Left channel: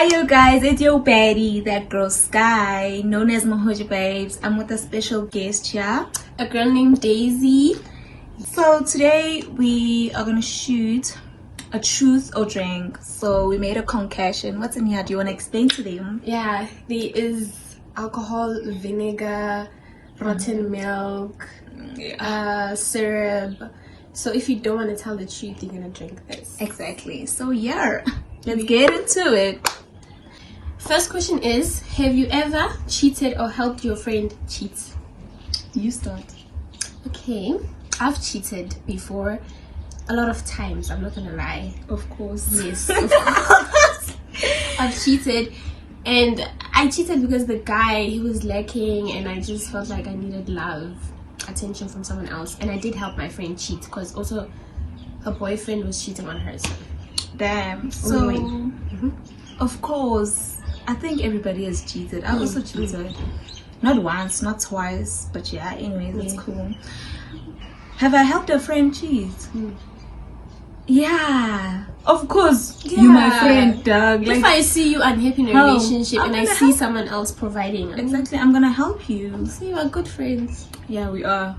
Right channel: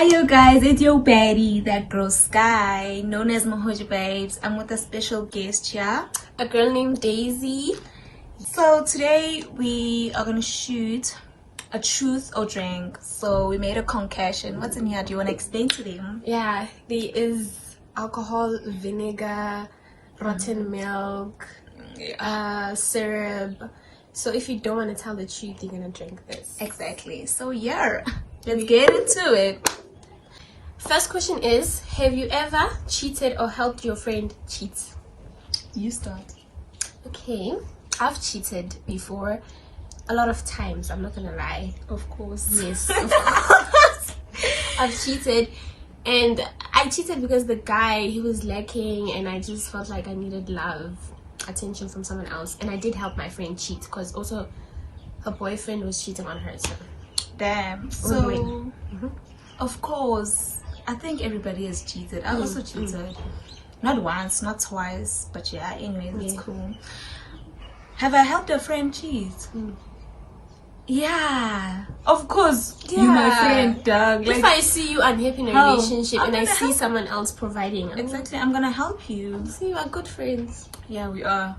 Hi you guys, it's your baddie, that girl Sky, known as Mahoji Babes. I'm with a special guest here, a girl named Daisy. So today we are gonna shoot a truth or drink. So we made a concoction. What's in here? Do you want to explain to them? Yeah, there is alcohol, vinegar, rotten milk, syrup. So if you don't want to tell the truth, you're gonna drink this. Exactly. So yeah, let's get into it. First question is, have you ever cheated or helped your friend cheat? You start. Okay, I've cheated before a lot of times, I'm not gonna lie. Of course. Yes, of course. I've cheated, and I cheated because the guy, he was lacking, and I just felt like I needed love, attention from someone else. And I did help my friend cheat because also her boyfriend was cheating on her. So damn. So of course, I think everybody has cheated. I also cheated, not once, not twice, but yeah, anyways, it's cool. Have I helped a friend cheat? Yeah, of course. Yeah. You my friend, dog. Like, if I see you unhappy in a relationship and I see someone else providing, exactly, I'm gonna help you. See, we are good friends. Yeah, we are.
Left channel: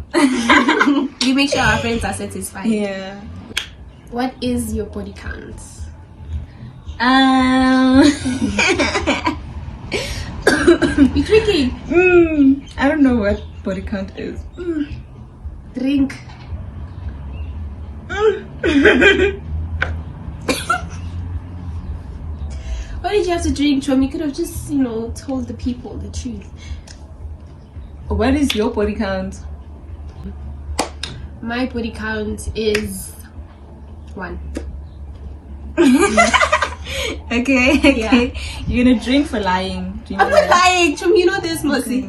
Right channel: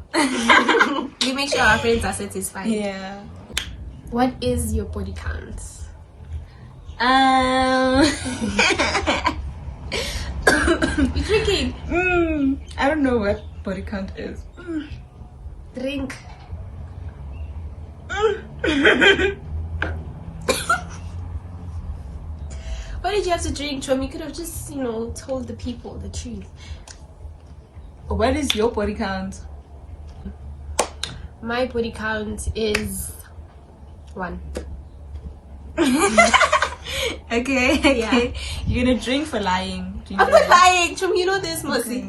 We make sure our friends are satisfied. Yeah. What is your body count? You drinking? I don't know what body count is. Drink. Why did you have to drink, Chom? You could have just, told the people the truth. What is your body count? My body count is 1. Okay. Yeah. You're gonna drink for lying. I'm not lying, Chom. You know this, Mossy.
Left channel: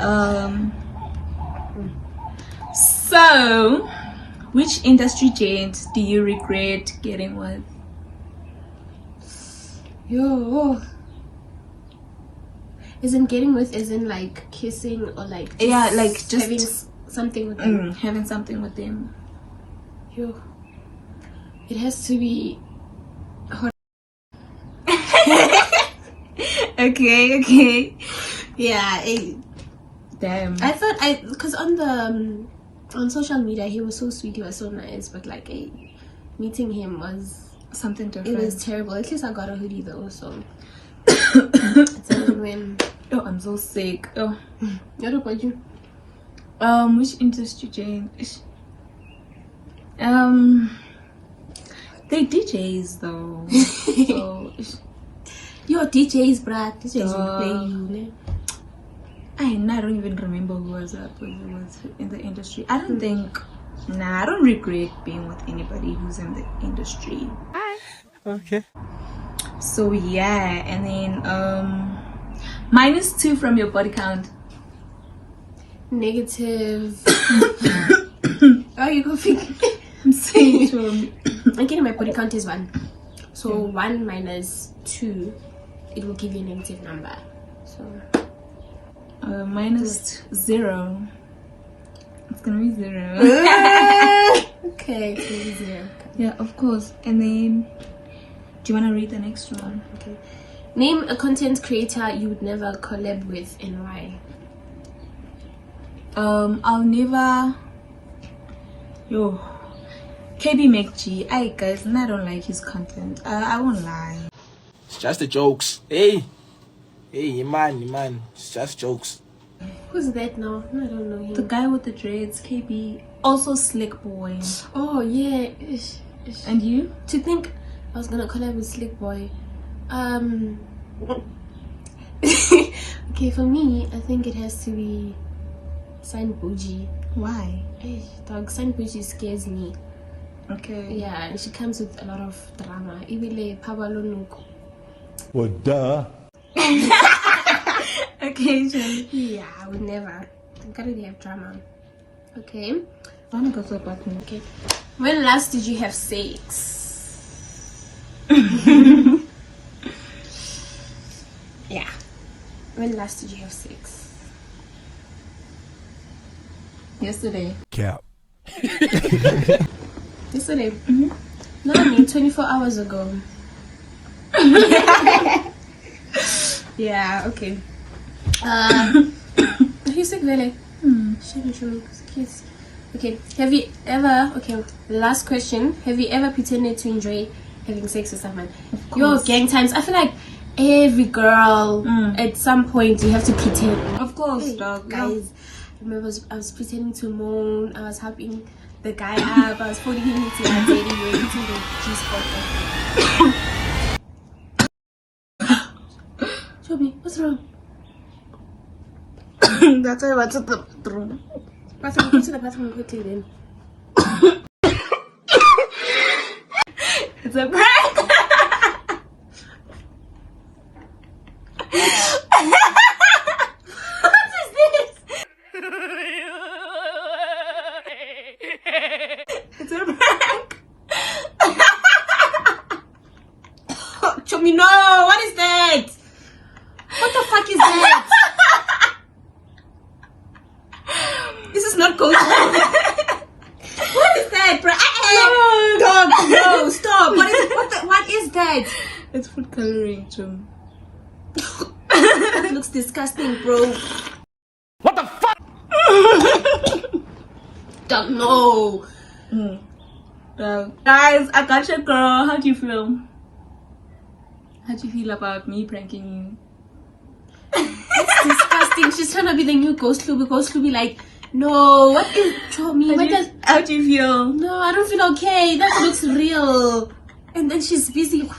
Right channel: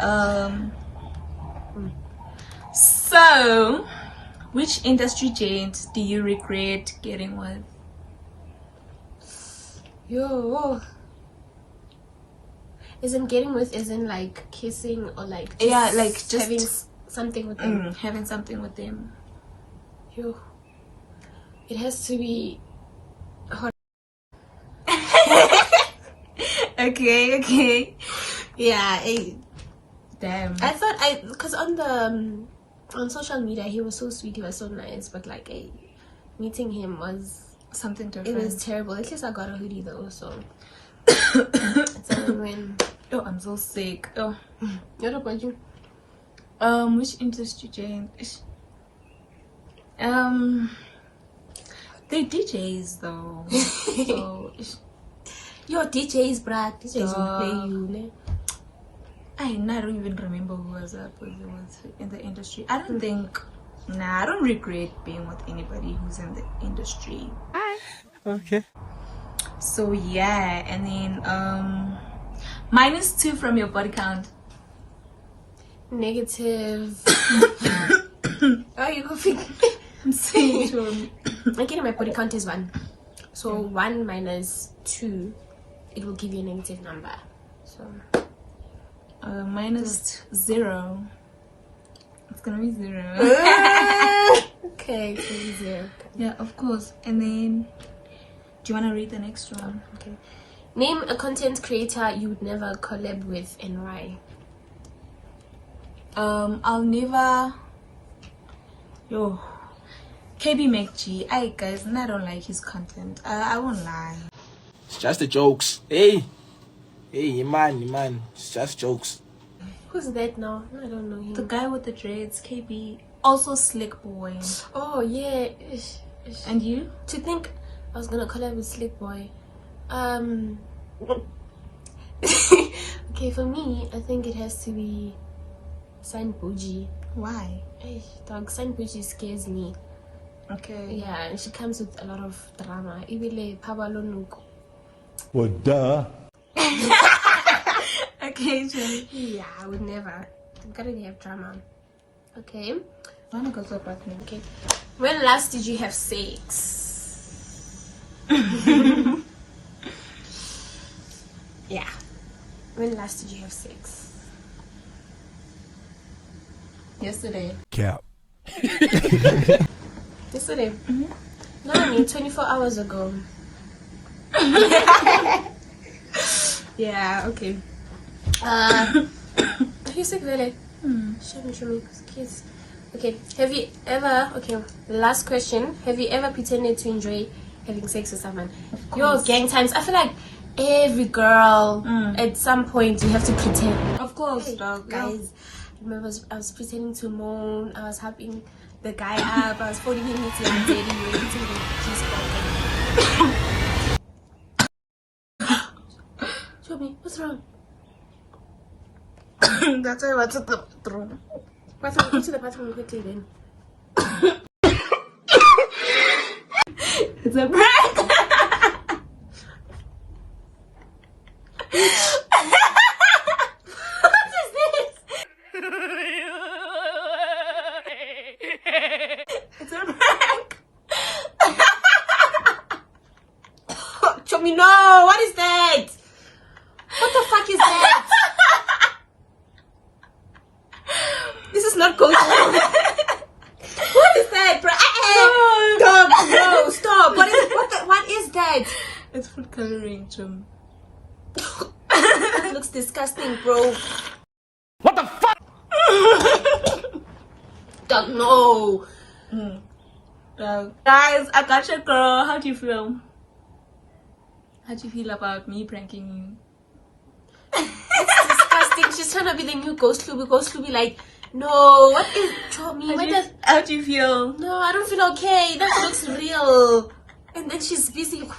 Okay. So, which industry giant do you regret getting with? Yo. Isn't getting with, isn't like kissing or like just having something with them? Having something with them. Yo. It has to be hot. Okay. Yeah. Damn. I thought because on social media he was so sweet, he was so nice, but like meeting him was something different. It was terrible. At least I got a hoodie though, so it's a win. Oh, I'm so sick. Oh. What about you? Which industry giant? They DJs though. So your DJs, bruh. DJs will play you. I don't even remember who was in the industry. I don't think. I don't regret being with anybody who's in the industry. Okay. So yeah, and then -2 from your body count. Negative. Oh, you go figure. I'm saying to okay, my body count is 1. So 1 minus 2, it will give you a negative number. So -0. It's gonna be 0. Okay, it's gonna be 0. Yeah, of course. And then, do you want to read the next one? Okay. Name a content creator you would never collab with and why. I'll never. KB McG. Guys, I don't like his content. I won't lie. It's just the jokes. Hey, man. It's just jokes. Who's that now? I don't know him. The guy with the dreads, KB. Also Slick Boy. Oh yeah. And you? To think I was gonna collab with Slick Boy. Okay, for me, I think it has to be San Bougie. Why? Dog, San Bougie scares me. Okay. Yeah, and she comes with a lot of drama. Ibile Pabalonuko. Well, duh. Okay, Jenny. Yeah, I would never. I'm gonna have drama. Okay. I wanna go to the bathroom. Okay. When last did you have sex? Yeah. When last did you have sex? Yesterday. Cap. Yesterday? No, I mean 24 hours ago. Yeah, okay. Who's sick, really? Show me, kids. Okay, have you ever, the last question, have you ever pretended to enjoy having sex with someone? Your gang times, I feel like every girl at some point you have to pretend. Of course, dog. Guys, remember I was pretending to moan, I was helping the guy up, I was putting him into our daddy, we were eating the G-spot. Show me, what's wrong? That's why I went to the bathroom. Go to the bathroom quickly then. It's a prank. What is this? It's a prank. Show me, no, what is that? What the fuck is that? This is not going. What is that, bro? Dog, no, stop. What is that? It's food coloring, Jim. That looks disgusting, bro. What the fuck? Dog, no. Guys, I got your girl. How do you feel? How do you feel about me pranking you? Disgusting. She's trying to be the new Ghost Luby. Ghost Luby, like, no. What is? Show me. How do you feel? No, I don't feel okay. That looks real. And then she's busy.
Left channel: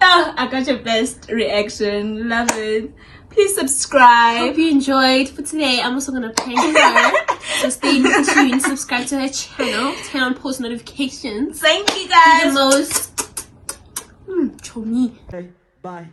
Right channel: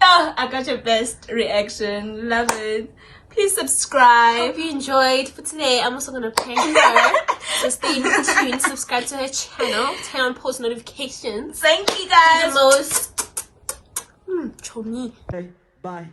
I got your best reaction. Love it. Please subscribe. Hope you enjoyed. For today, I'm also gonna prank her. So stay tuned. Subscribe to her channel. Turn on post notifications. Thank you The guys. most. Show me. Hey, bye.